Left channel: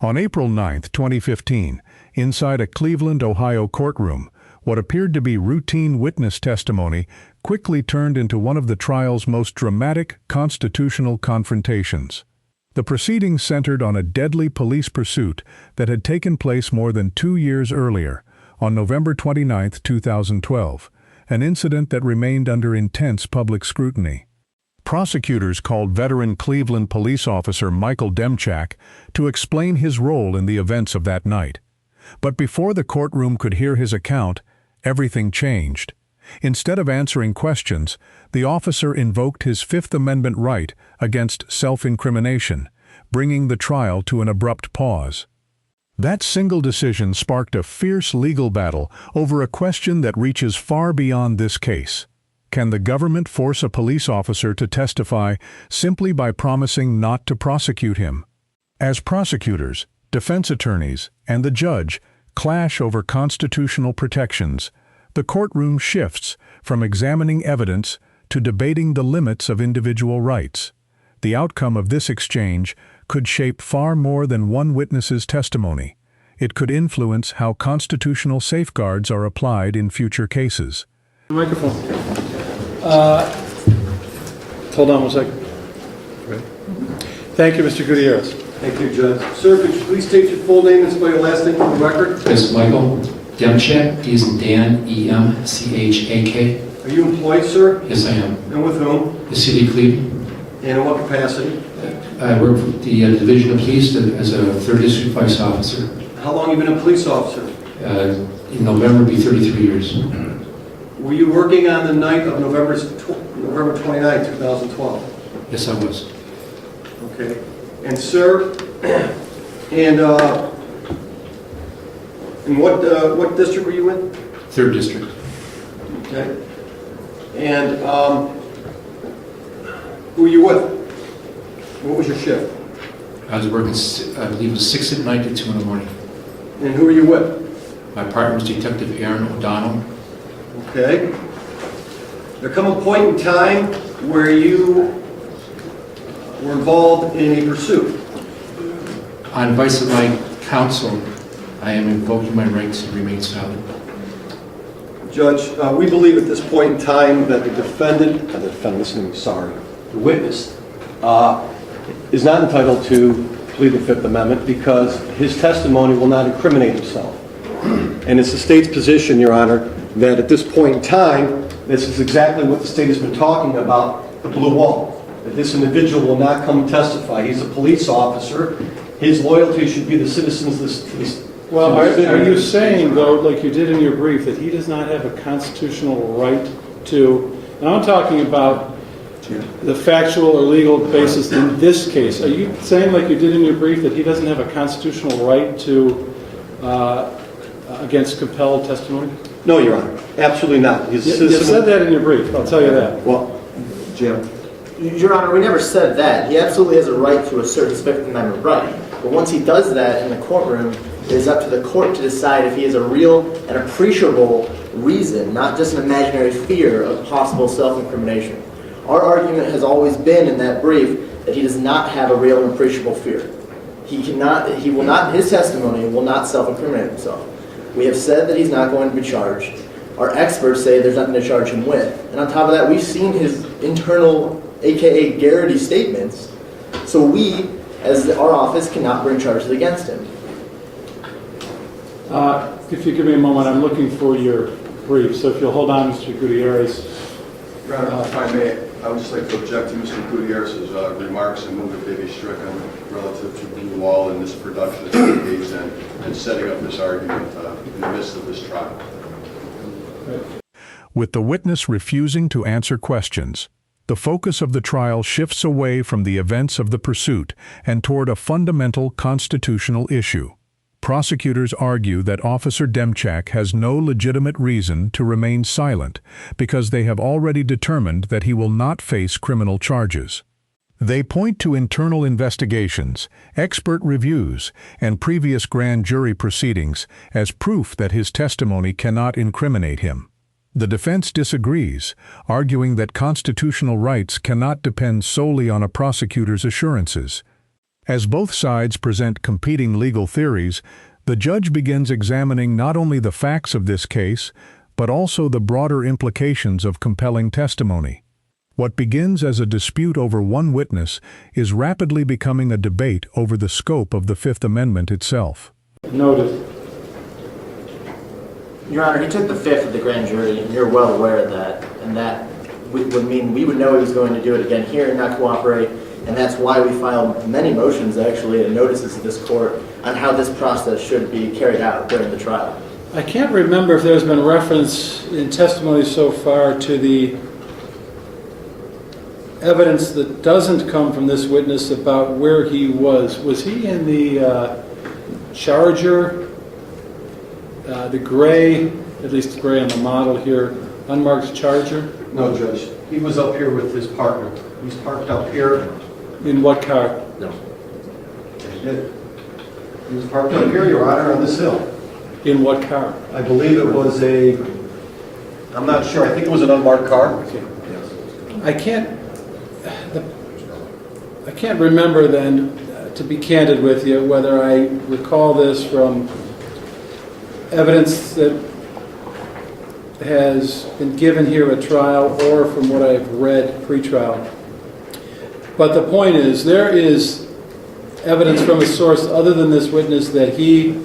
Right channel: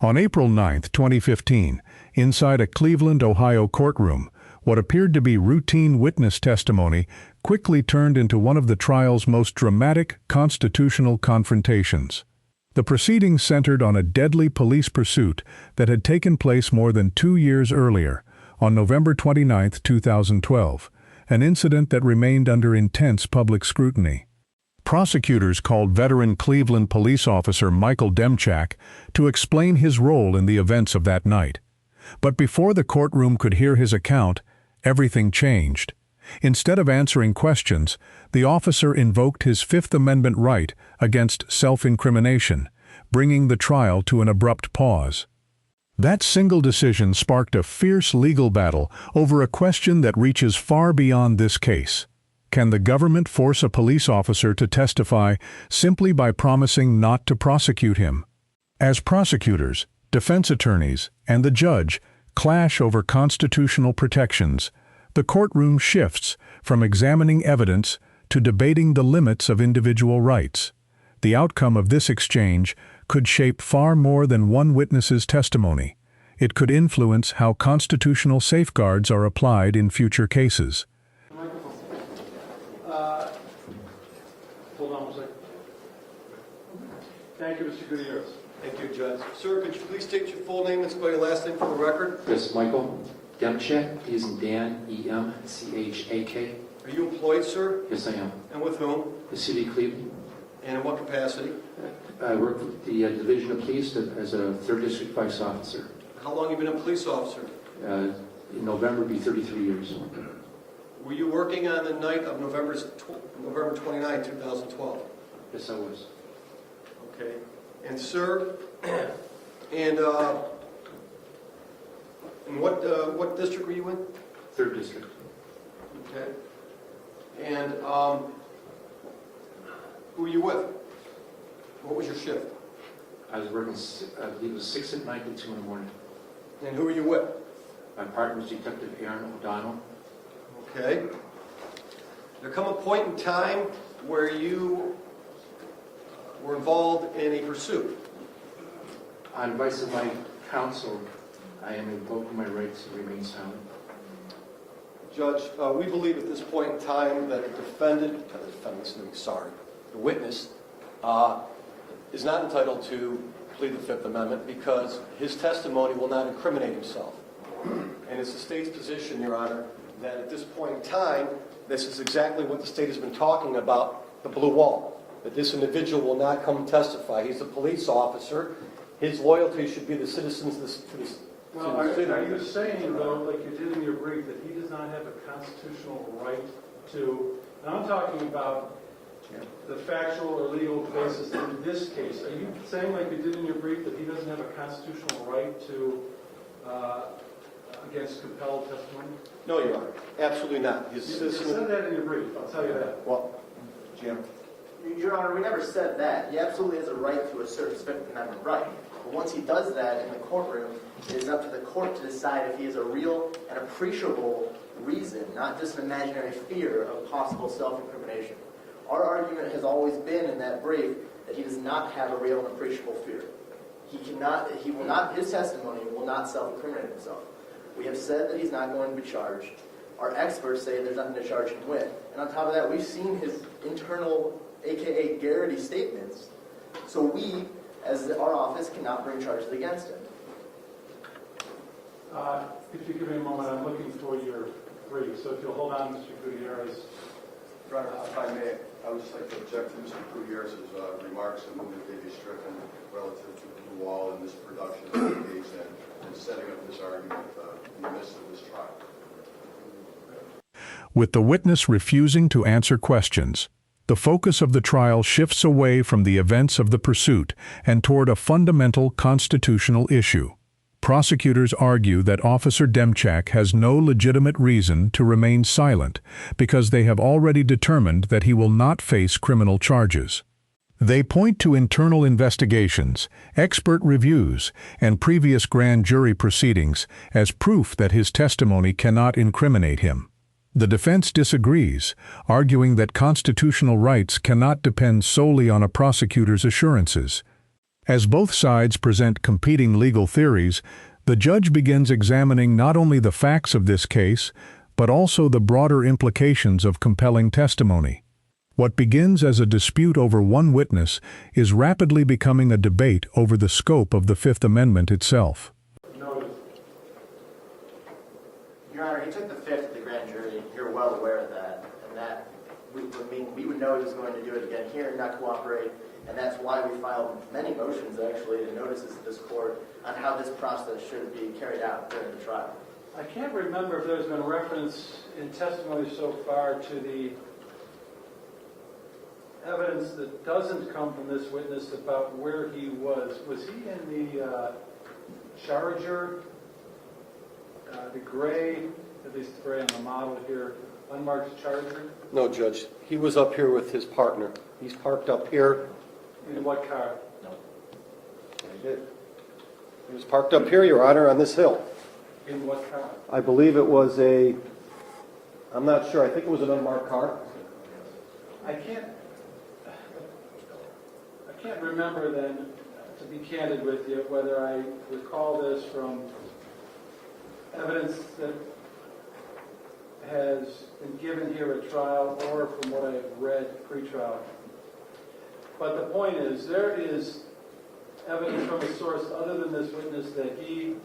On April 9, 2015, inside a Cleveland, Ohio courtroom, what appeared to be routine witness testimony quickly turned into one of the trial's most dramatic constitutional confrontations. The proceedings centered on a deadly police pursuit that had taken place more than 2 years earlier, on November 29, 2012, an incident that remained under intense public scrutiny. Prosecutors called veteran Cleveland police officer Michael Demchak to explain his role in the events of that night. But before the courtroom could hear his account, everything changed. Instead of answering questions, the officer invoked his Fifth Amendment right against self-incrimination, bringing the trial to an abrupt pause. That single decision sparked a fierce legal battle over a question that reaches far beyond this case. Can the government force a police officer to testify simply by promising not to prosecute him? As prosecutors, defense attorneys, and the judge clash over constitutional protections, the courtroom shifts from examining evidence to debating the limits of individual rights. The outcome of this exchange could shape far more than one witness's testimony. It could influence how constitutional safeguards are applied in future cases. Microphone. Hold on one second. Ready? Thank you, Mr. Gutierrez. Thank you, Judge. Sir, could you please state your full name and spell your last name for the record? Yes, Michael Demchak, D as in Dan, E-M-C-H-A-K. Are you employed, sir? Yes, I am. And with whom? The City of Cleveland. And in what capacity? I work for the Division of Police as a 3rd District Vice Officer. How long have you been a police officer? In November, it'll be 33 years. Were you working on the night of November 29, 2012? Yes, I was. Okay. And sir, and what district were you in? 3rd District. Okay. And who were you with? What was your shift? I was working, I believe it was 6 at night to 2 in the morning. And who were you with? My partner was Detective Aaron O'Donnell. Okay. There come a point in time where you were involved in a pursuit. On advice of my counsel, I am invoking my right to remain silent. Judge, we believe at this point in time that the witness is not entitled to plead the Fifth Amendment because his testimony will not incriminate himself. And it's the state's position, Your Honor, that at this point in time, this is exactly what the state has been talking about, the blue wall, that this individual will not come testify. He's a police officer. His loyalty should be the citizens of this. Well, are you saying, though, like you did in your brief, that he does not have a constitutional right to, and I'm talking about the factual or legal basis in this case. Are you saying, like you did in your brief, that he doesn't have a constitutional right to, against compelled testimony? No, Your Honor, absolutely not. You said that in your brief, I'll tell you that. Well, Jim. Your Honor, we never said that. He absolutely has a right to assert his Fifth Amendment right. But once he does that in the courtroom, it is up to the court to decide if he has a real and appreciable reason, not just an imaginary fear of possible self-incrimination. Our argument has always been in that brief that he does not have a real and appreciable fear. He will not, in his testimony, will not self-incriminate himself. We have said that he's not going to be charged. Our experts say there's nothing to charge him with. And on top of that, we've seen his internal, aka Garrity statements, so we, as our office, cannot bring charges against him. If you give me a moment, I'm looking for your brief, so if you'll hold on, Mr. Gutierrez. Your Honor, if I may, I would just like to object to Mr. Gutierrez's remarks and move that they be stricken relative to Blue Wall and this production that's engaged in and setting up this argument in the midst of this trial. With the witness refusing to answer questions, the focus of the trial shifts away from the events of the pursuit and toward a fundamental constitutional issue. Prosecutors argue that Officer Demchak has no legitimate reason to remain silent because they have already determined that he will not face criminal charges. They point to internal investigations, expert reviews, and previous grand jury proceedings as proof that his testimony cannot incriminate him. The defense disagrees, arguing that constitutional rights cannot depend solely on a prosecutor's assurances. As both sides present competing legal theories, the judge begins examining not only the facts of this case, but also the broader implications of compelling testimony. What begins as a dispute over one witness is rapidly becoming a debate over the scope of the Fifth Amendment itself. Noted. Your Honor, he took the fifth of the grand jury, and you're well aware of that. And that would mean we would know he was going to do it again here and not cooperate. And that's why we filed many motions, actually, and notices to this court on how this process should be carried out during the trial. I can't remember if there's been reference in testimony so far to the evidence that doesn't come from this witness about where he was. Was he in the Charger, the gray, at least the gray on the model here, unmarked Charger? No, Judge. He was up here with his partner. He's parked up here. In what car? No. He was parked up here, Your Honor, on this hill. In what car? I believe it was I'm not sure, I think it was an unmarked car. I can't remember then, to be candid with you, whether I recall this from evidence that has been given here at trial or from what I've read pre-trial. But the point is, there is evidence from a source other than this witness that he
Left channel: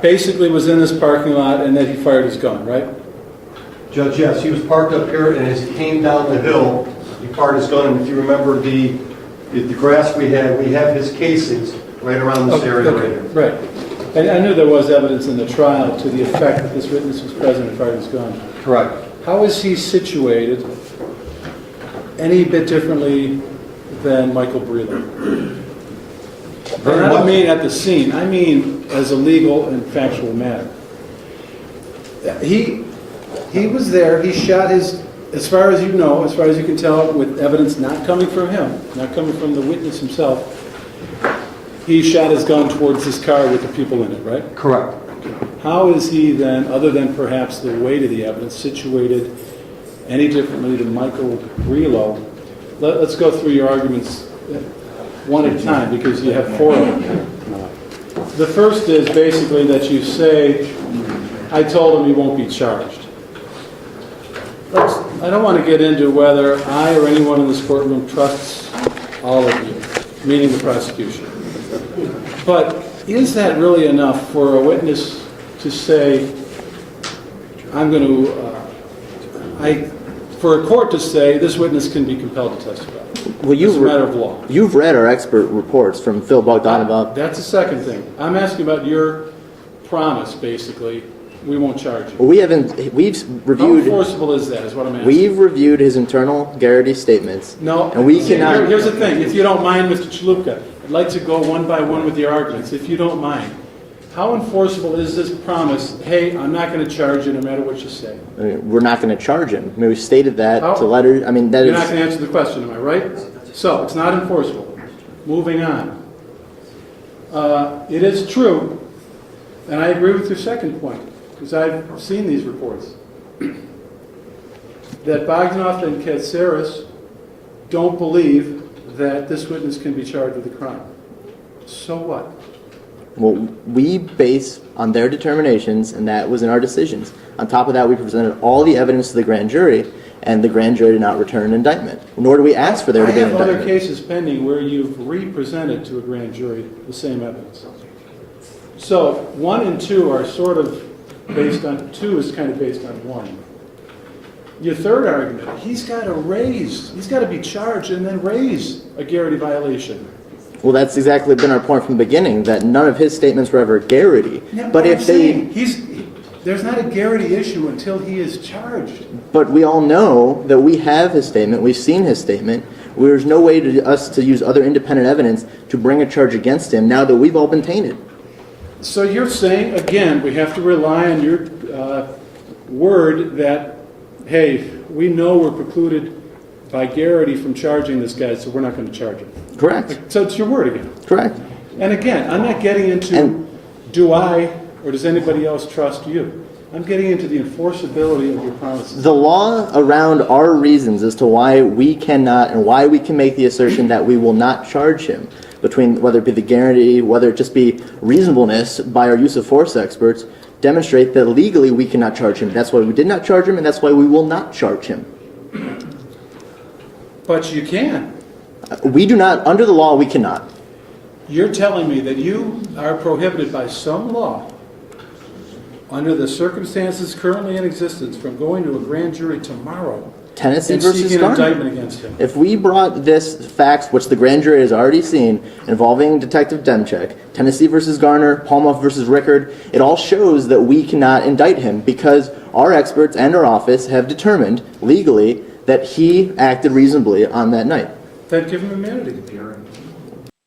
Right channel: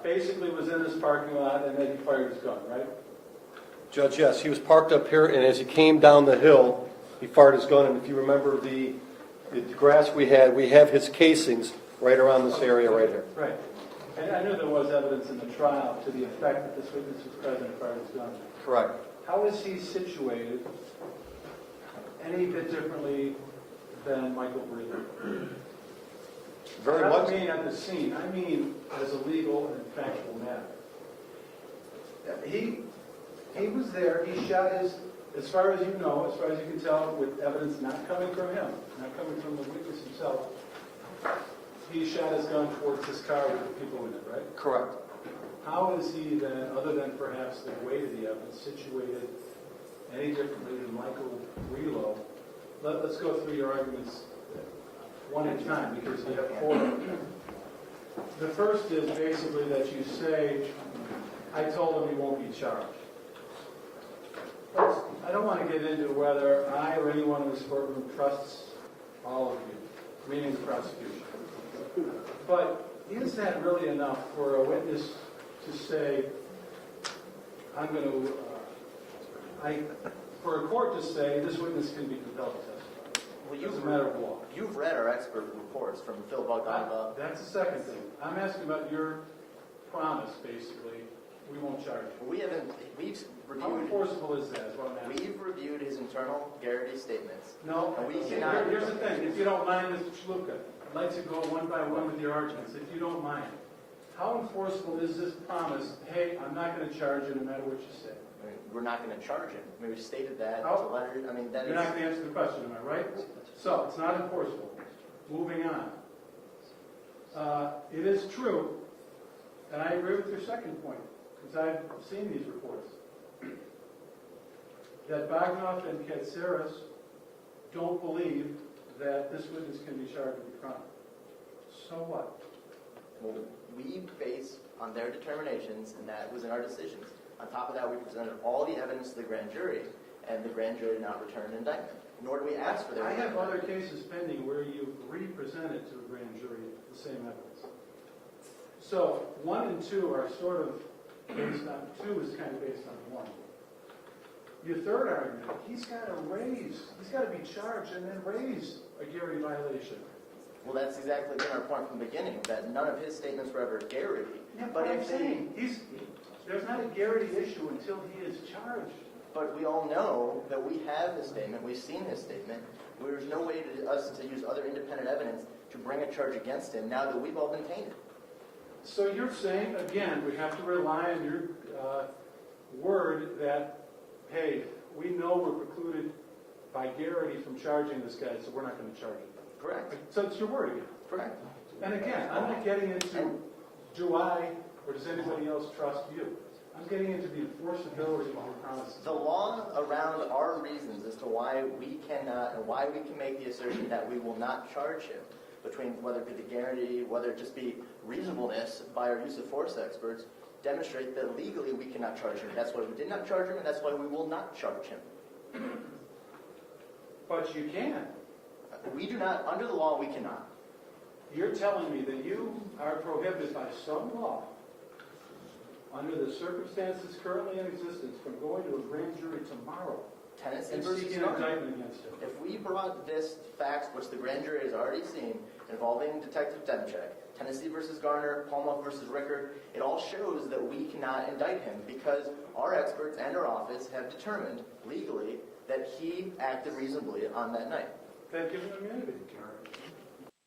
basically was in this parking lot and that he fired his gun, right? Judge, yes, he was parked up here, and as he came down the hill, he fired his gun. And if you remember the grass we have his casings right around this area right here. Right. And I knew there was evidence in the trial to the effect that this witness was present and fired his gun. Correct. How is he situated any bit differently than Michael Brelo? And I don't mean at the scene, I mean as a legal and factual matter. He was there, he shot his, as far as you know, as far as you can tell, with evidence not coming from him, not coming from the witness himself, he shot his gun towards this car with the people in it, right? Correct. How is he then, other than perhaps the weight of the evidence, situated any differently than Michael Brelo? Let's go through your arguments one at a time, because you have four of them. The first is basically that you say, I told him he won't be charged. I don't want to get into whether I or anyone in this courtroom trusts all of you, meaning the prosecution. But is that really enough for a witness to say, for a court to say this witness can be compelled to testify? Well, It's a matter of law. You've read our expert reports from Phil Bogdanov. That's the second thing. I'm asking about your promise, basically. We won't charge you. Well, we've How reviewed. enforceable is that, is what I'm asking. We've reviewed his internal Garrity statements. No, and we cannot. Here's the thing. If you don't mind, Mr. Chalupka, I'd like to go one by one with the arguments, if you don't mind. How enforceable is this promise, hey, I'm not going to charge you no matter what you say? I mean, we're not going to charge him. I mean, we stated that How? to letters. I mean, that You're is. not going to answer the question, am I right? So, it's not enforceable. Moving on. It is true, and I agree with your second point, because I've seen these reports, that Bogdanoff and Katsaris don't believe that this witness can be charged with a crime. So what? Well, we base on their determinations, and that was in our decisions. On top of that, we presented all the evidence to the grand jury, and the grand jury did not return an indictment. Nor do we ask for there to be an I have other indictment. cases pending where you've re-presented to a grand jury the same evidence. So 1 and 2 are sort of based on, 2 is kind of based on 1. Your third argument, he's got to be charged and then raise a Garrity violation. Well, that's exactly been our point from the beginning, that none of his statements were ever Garrity. Yeah, But if I'm they, saying, there's not a Garrity issue until he is charged. but we all know that we have his statement, we've seen his statement. There's no way to us to use other independent evidence to bring a charge against him now that we've all been tainted. So you're saying, again, we have to rely on your word that, hey, we know we're precluded by Garrity from charging this guy, so we're not going to charge him. Correct. So it's your word again. Correct. And again, I'm not getting into do I or does anybody else trust you. I'm getting into the enforceability of your promises. The law around our reasons as to why we cannot and why we can make the assertion that we will not charge him. between whether it be the guarantee, whether it just be reasonableness by our use of force experts, demonstrate that legally we cannot charge him. That's why we did not charge him, and that's why we will not charge him. But you can. We do not, under the law, we cannot. You're telling me that you are prohibited by some law, under the circumstances currently in existence, from going to a grand jury tomorrow Tennessee and versus seeking an Garner. indictment against him. If we brought this facts, which the grand jury has already seen, involving Detective Demchak, Tennessee versus Garner, Palmoff versus Rickard, it all shows that we cannot indict him because our experts and our office have determined legally that he acted reasonably on that night. Then give him immunity.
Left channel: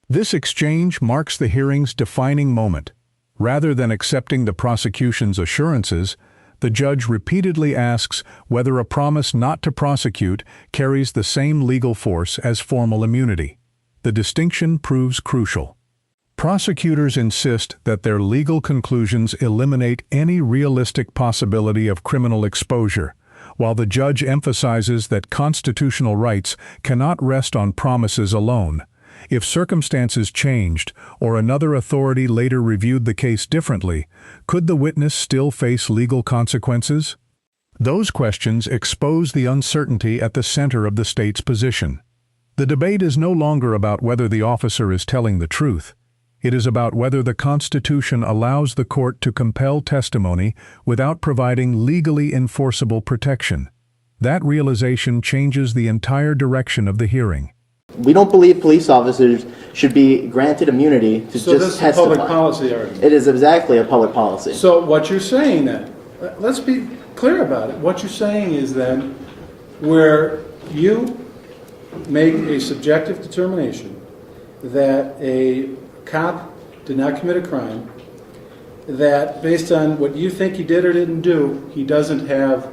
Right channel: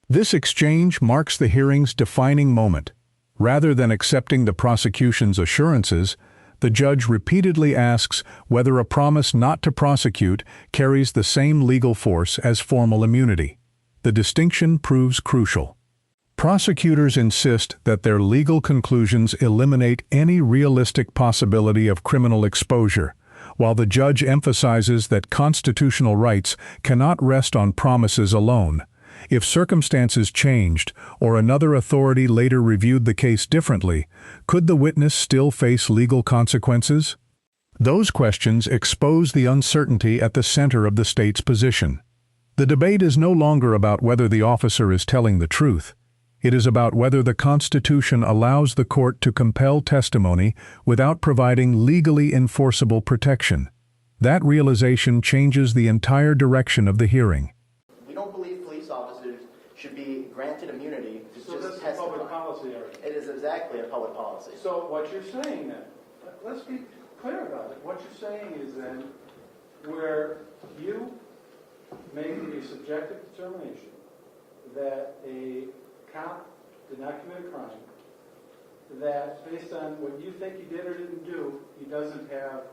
This exchange marks the hearing's defining moment. Rather than accepting the prosecution's assurances, the judge repeatedly asks whether a promise not to prosecute carries the same legal force as formal immunity. The distinction proves crucial. Prosecutors insist that their legal conclusions eliminate any realistic possibility of criminal exposure, while the judge emphasizes that constitutional rights cannot rest on promises alone. If circumstances changed or another authority later reviewed the case differently, could the witness still face legal consequences? Those questions expose the uncertainty at the center of the state's position. The debate is no longer about whether the officer is telling the truth. It is about whether the Constitution allows the court to compel testimony without providing legally enforceable protection. That realization changes the entire direction of the hearing. We don't believe police officers should be granted immunity to So this just is a testify. public policy argument. It is exactly a public policy. So what you're saying then, let's be clear about it. What you're saying is then, where you make a subjective determination that a cop did not commit a crime, that based on what you think he did or didn't do, he doesn't have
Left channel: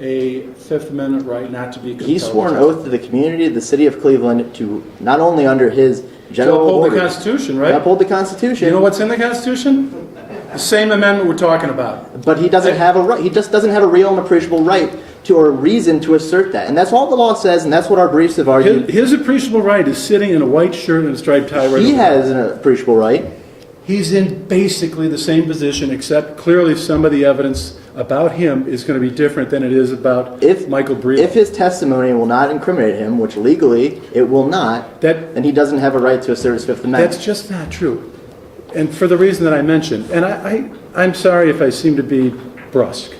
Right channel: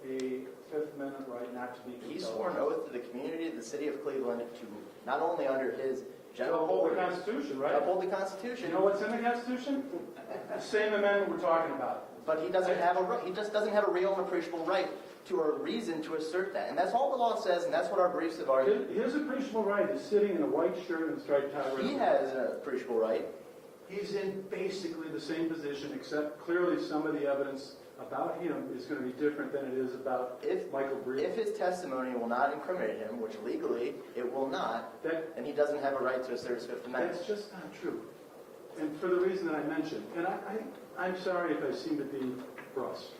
a Fifth Amendment right not to be compelled. He swore an oath to the community of the city of Cleveland to not only under his general to uphold orders, the Constitution, right? to uphold the Constitution. You know what's in the Constitution? The same amendment we're talking about. But he doesn't have a right. He just doesn't have a real and appreciable right to, or a reason to assert that. And that's all the law says, and that's what our briefs have argued. His appreciable right is sitting in a white shirt and a striped tie right He over has an appreciable right. He's in basically the same position, except clearly some of the evidence about him is going to be different than it is about Michael Brelo. If his testimony will not incriminate him, which legally it will not, then he doesn't have a right to assert his Fifth Amendment. That's just not true. And for the reason that I mentioned, and I'm sorry if I seem to be brusque,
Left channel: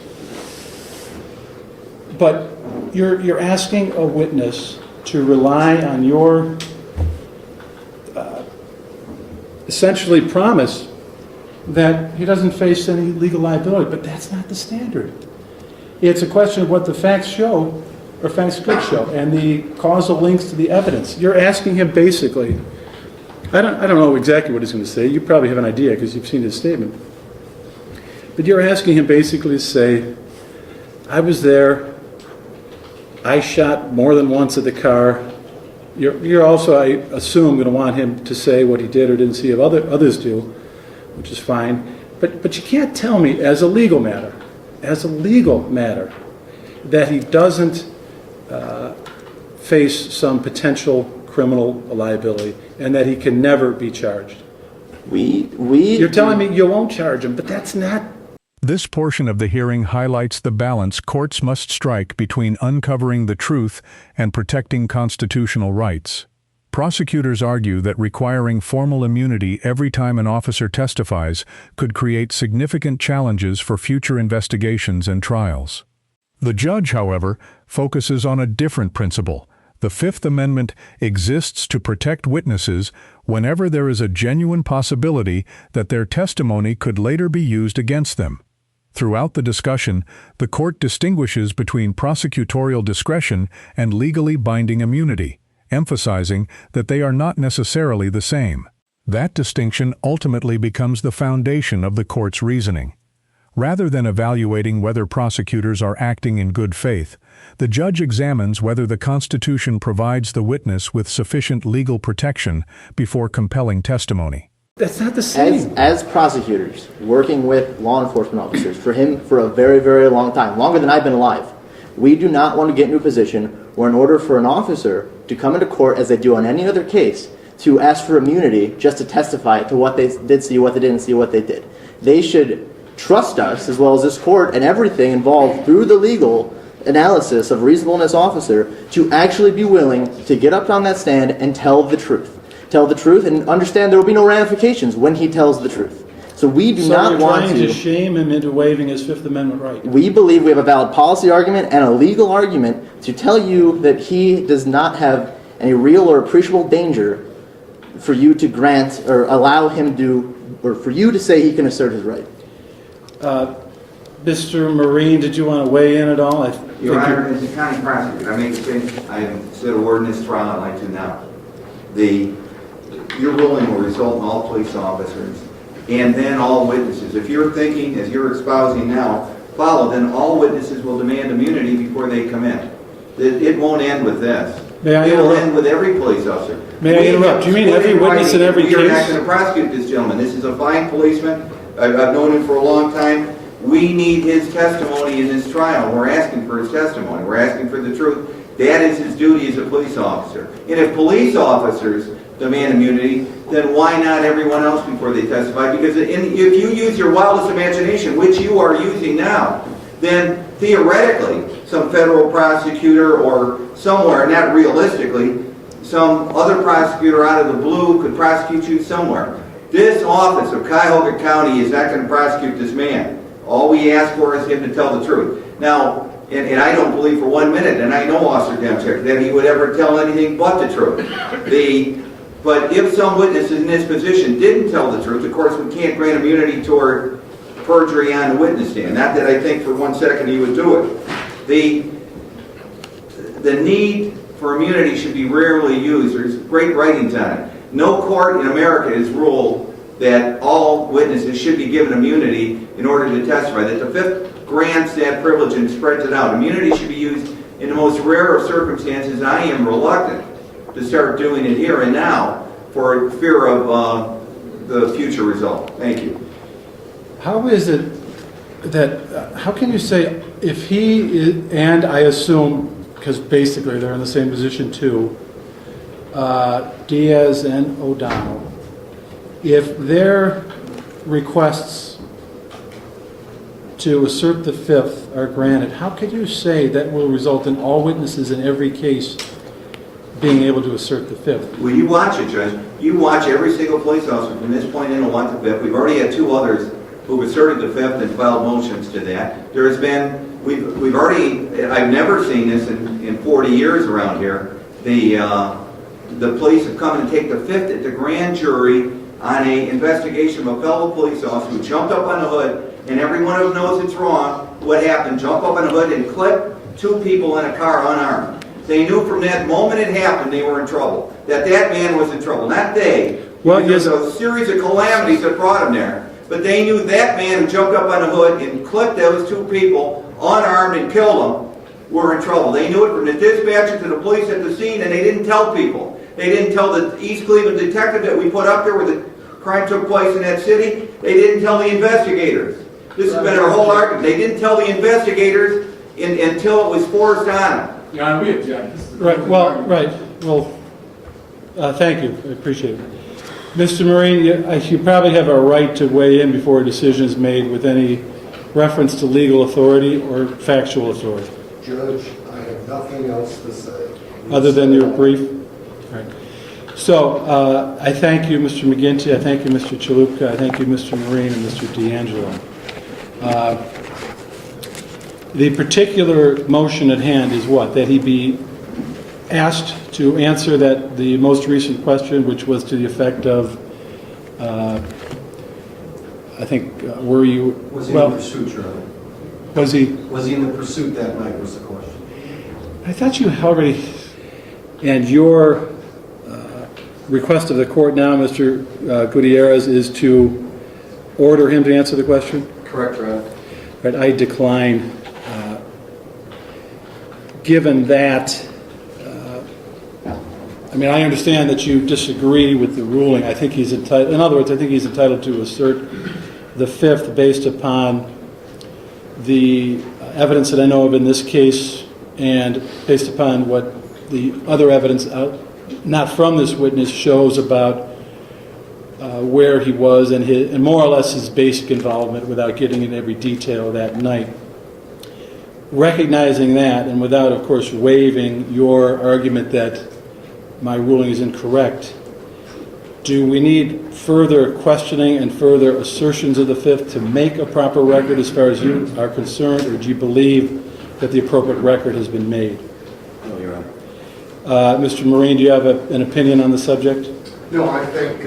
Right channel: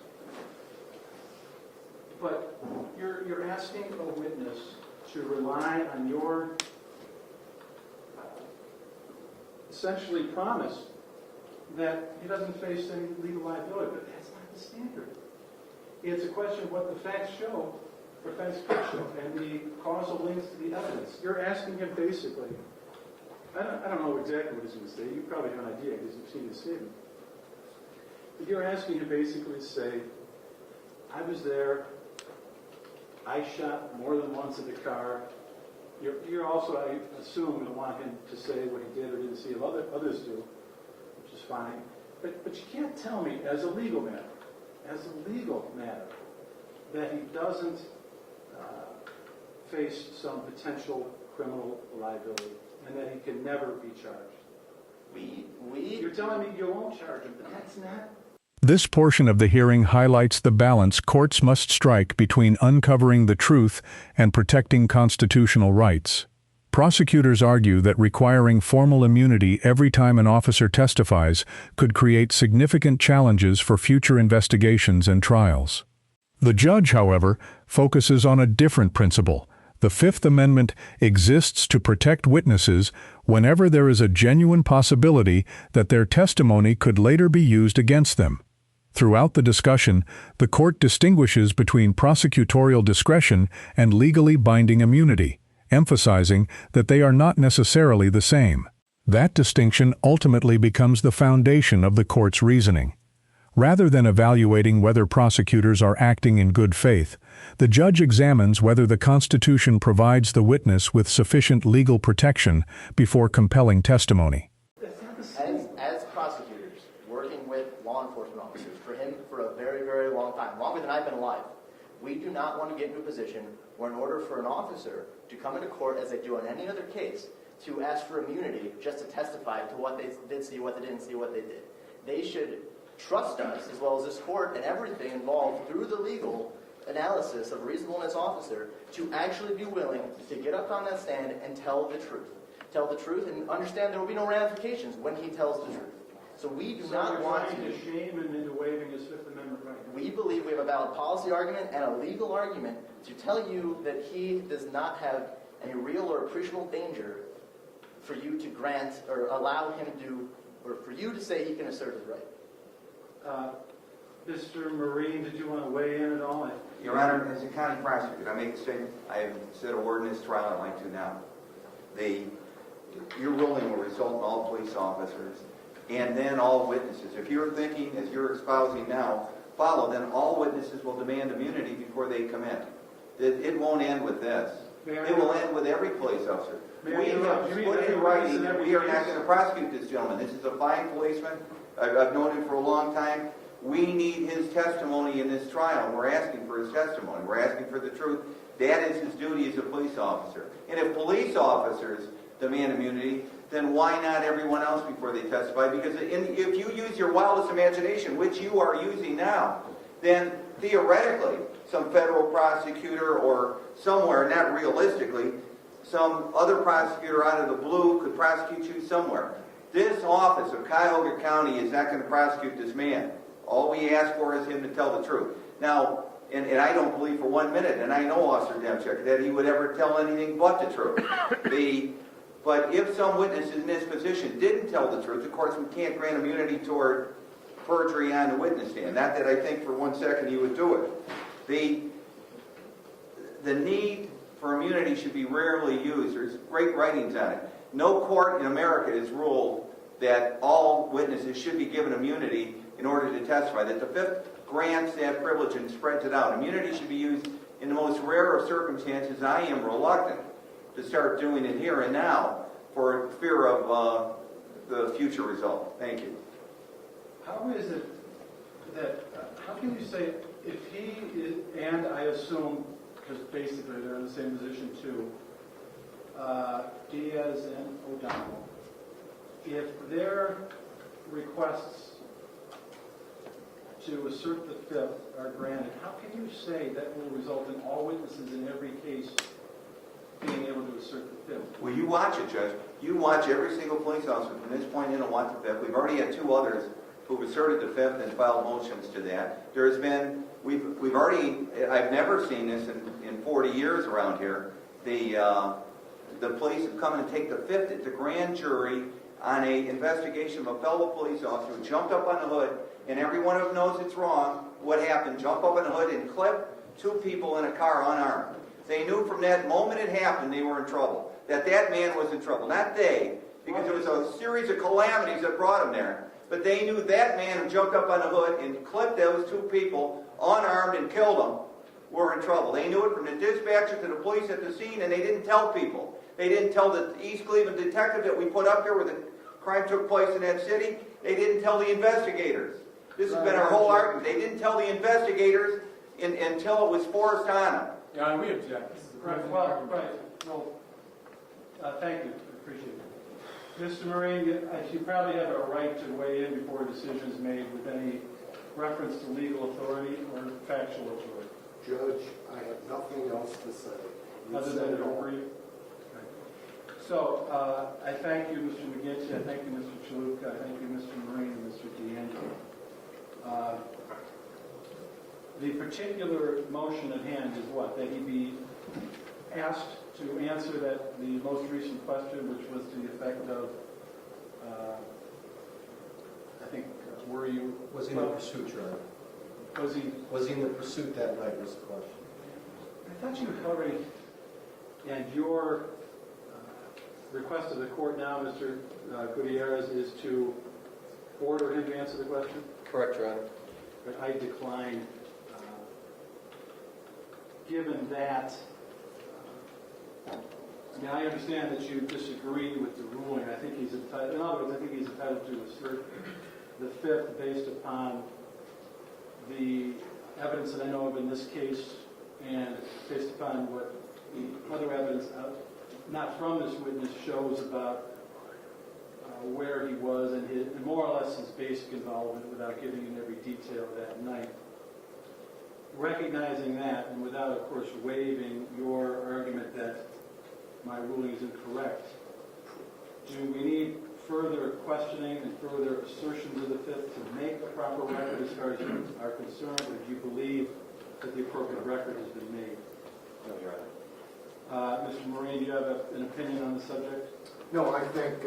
but you're asking a witness to rely on your essentially promise that he doesn't face any legal liability, but that's not the standard. It's a question of what the facts show, or facts could show, and the causal links to the evidence. You're asking him basically, I don't know exactly what he's going to say. You probably have an idea because you've seen his statement. But you're asking him basically to say, I was there, I shot more than once at the car. You're also, I assume, going to want him to say what he did or didn't see of others do, which is fine. But you can't tell me as a legal matter, that he doesn't face some potential criminal liability and that he can never be charged. You're telling me you won't charge him, but that's not. This portion of the hearing highlights the balance courts must strike between uncovering the truth and protecting constitutional rights. Prosecutors argue that requiring formal immunity every time an officer testifies could create significant challenges for future investigations and trials. The judge, however, focuses on a different principle. The Fifth Amendment exists to protect witnesses whenever there is a genuine possibility that their testimony could later be used against them. Throughout the discussion, the court distinguishes between prosecutorial discretion and legally binding immunity, emphasizing that they are not necessarily the same. That distinction ultimately becomes the foundation of the court's reasoning. Rather than evaluating whether prosecutors are acting in good faith, the judge examines whether the Constitution provides the witness with sufficient legal protection before compelling testimony. That's not the same. As prosecutors, working with law enforcement officers, for a very, very long time, longer than I've been alive, we do not want to get into a position where in order for an officer to come into court as they do on any other case, to ask for immunity just to testify to what they did see, what they didn't see, what they did. They should trust us, as well as this court and everything involved through the legal analysis of reasonableness officer, to actually be willing to get up on that stand and tell the truth. Tell the truth and understand there will be no ramifications when he tells the truth. So we do not you're want trying to shame him into waiving his Fifth Amendment right. We believe we have a valid policy argument and a legal argument to tell you that he does not have any real or appreciable danger for you to grant or allow him to, or for you to say he can assert his right. Mr. Marine, did you want to weigh in at all? Your Honor, as a county prosecutor, I make the same, I haven't said a word in this trial, I'd like to now. Your ruling will result in all police officers and then all witnesses. If you're thinking, as you're espousing now, follow, then all witnesses will demand immunity before they come in. It won't end with this. May I It will interrupt? end with every police officer. May I interrupt? Do you mean every witness in every We are not case? going to prosecute this gentleman. This is a fine policeman. I've known him for a long time. We need his testimony in this trial. We're asking for his testimony. We're asking for the truth. That is his duty as a police officer. And if police officers demand immunity, then why not everyone else before they testify? Because if you use your wildest imagination, which you are using now, then theoretically some federal prosecutor or somewhere, not realistically, some other prosecutor out of the blue could prosecute you somewhere. This office of Cuyahoga County is not going to prosecute this man. All we ask for is him to tell the truth. Now, and I don't believe for 1 minute, and I know Officer Demchak, that he would ever tell anything but the truth. But if some witnesses in this position didn't tell the truth, of course we can't grant immunity toward perjury on the witness stand. Not that I think for 1 second he would do it. The need for immunity should be rarely used. There's great writings on it. No court in America has ruled that all witnesses should be given immunity in order to testify, that the Fifth grants that privilege and spreads it out. Immunity should be used in the most rare of circumstances, and I am reluctant to start doing it here and now for fear of the future result. Thank you. How is it that, how can you say if he is, and I assume, because basically they're in the same position too, Diaz and O'Donnell, if their requests to assert the Fifth are granted, how could you say that will result in all witnesses in every case being able to assert the Fifth? Well, you watch it, Judge. You watch every single police officer from this point in and want the Fifth. We've already had 2 others who've asserted the Fifth and filed motions to that. There has been, we've already, I've never seen this in 40 years around here. The police have come and take the Fifth at the grand jury on an investigation of a fellow police officer who jumped up on the hood, and every one of them knows it's wrong. What happened? Jump up on the hood and clip 2 people in a car unarmed. They knew from that moment it happened they were in trouble. That man was in trouble, not they. Well, There's a series of calamities that brought him there. But they knew that man who jumped up on the hood and clipped those 2 people unarmed and killed them were in trouble. They knew it from the dispatcher to the police at the scene, and they didn't tell people. They didn't tell the East Cleveland detective that we put up there where the crime took place in that city. They didn't tell the investigators. This has been our whole argument. They didn't tell the investigators until it was forced on them. Yeah, we object. Right, well, right. Well, thank you. I appreciate it. Mr. Marine, you probably have a right to weigh in before a decision is made with any reference to legal authority or factual authority. Judge, I have nothing else to say. Other than your brief? All right. So I thank you, Mr. McGinty. I thank you, Mr. Chalupka. I thank you, Mr. Marine and Mr. D'Angelo. The particular motion at hand is what? That he be asked to answer the most recent question, which was to the effect of, I think, were you... Was he in the pursuit, Your Honor? Was he... Was he in the pursuit that night was the question. I thought you already... And your request of the court now, Mr. Gutierrez, is to order him to answer the question? Correct, Your Honor. Right, I decline. Given that, I mean, I understand that you disagree with the ruling. I think he's entitled, in other words, I think he's entitled to assert the Fifth based upon the evidence that I know of in this case and based upon what the other evidence not from this witness, shows about where he was and more or less his basic involvement without getting into every detail that night. Recognizing that, and without, of course, waiving your argument that my ruling is incorrect, do we need further questioning and further assertions of the Fifth to make a proper record as far as you are concerned, or do you believe that the appropriate record has been made? No, Your Honor. Mr. Marine, do you have an opinion on the subject? No, I think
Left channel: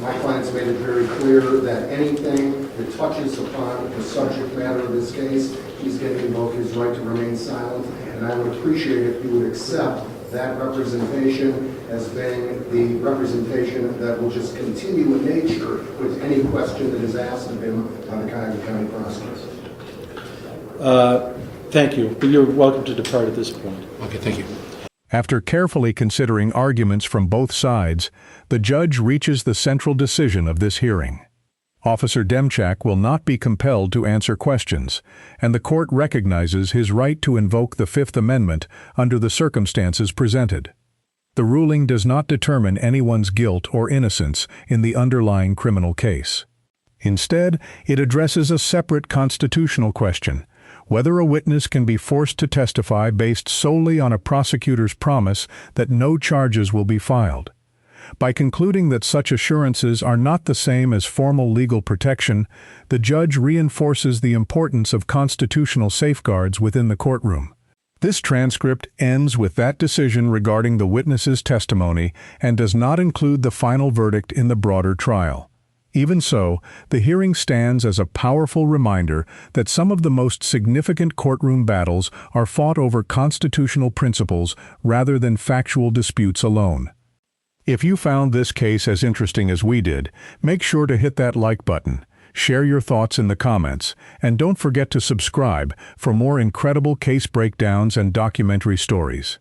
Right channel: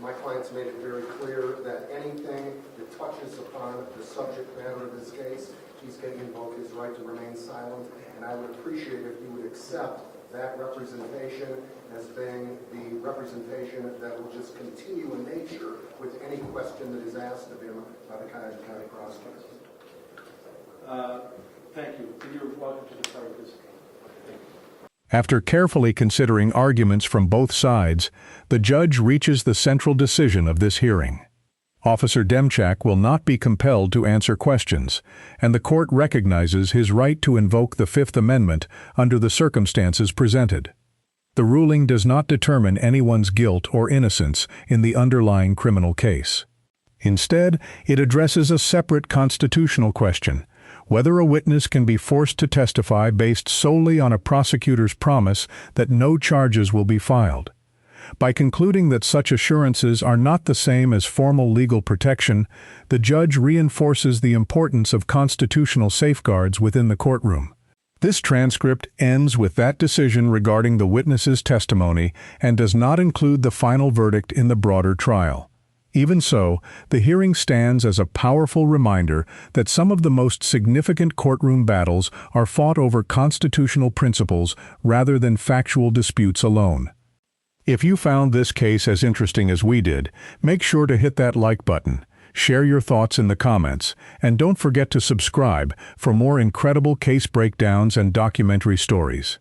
my client's made it very clear that anything that touches upon the subject matter of this case, he's going to invoke his right to remain silent, and I would appreciate if you would accept that representation as being the representation that will just continue in nature with any question that is asked of him on the Cuyahoga County prosecutor. Thank you, but you're welcome to depart at this point. Okay, thank you. After carefully considering arguments from both sides, the judge reaches the central decision of this hearing. Officer Demchak will not be compelled to answer questions, and the court recognizes his right to invoke the Fifth Amendment under the circumstances presented. The ruling does not determine anyone's guilt or innocence in the underlying criminal case. Instead, it addresses a separate constitutional question: whether a witness can be forced to testify based solely on a prosecutor's promise that no charges will be filed. By concluding that such assurances are not the same as formal legal protection, the judge reinforces the importance of constitutional safeguards within the courtroom. This transcript ends with that decision regarding the witness's testimony and does not include the final verdict in the broader trial. Even so, the hearing stands as a powerful reminder that some of the most significant courtroom battles are fought over constitutional principles rather than factual disputes alone. If you found this case as interesting as we did, make sure to hit that like button, share your thoughts in the comments, and don't forget to subscribe for more incredible case breakdowns and documentary stories.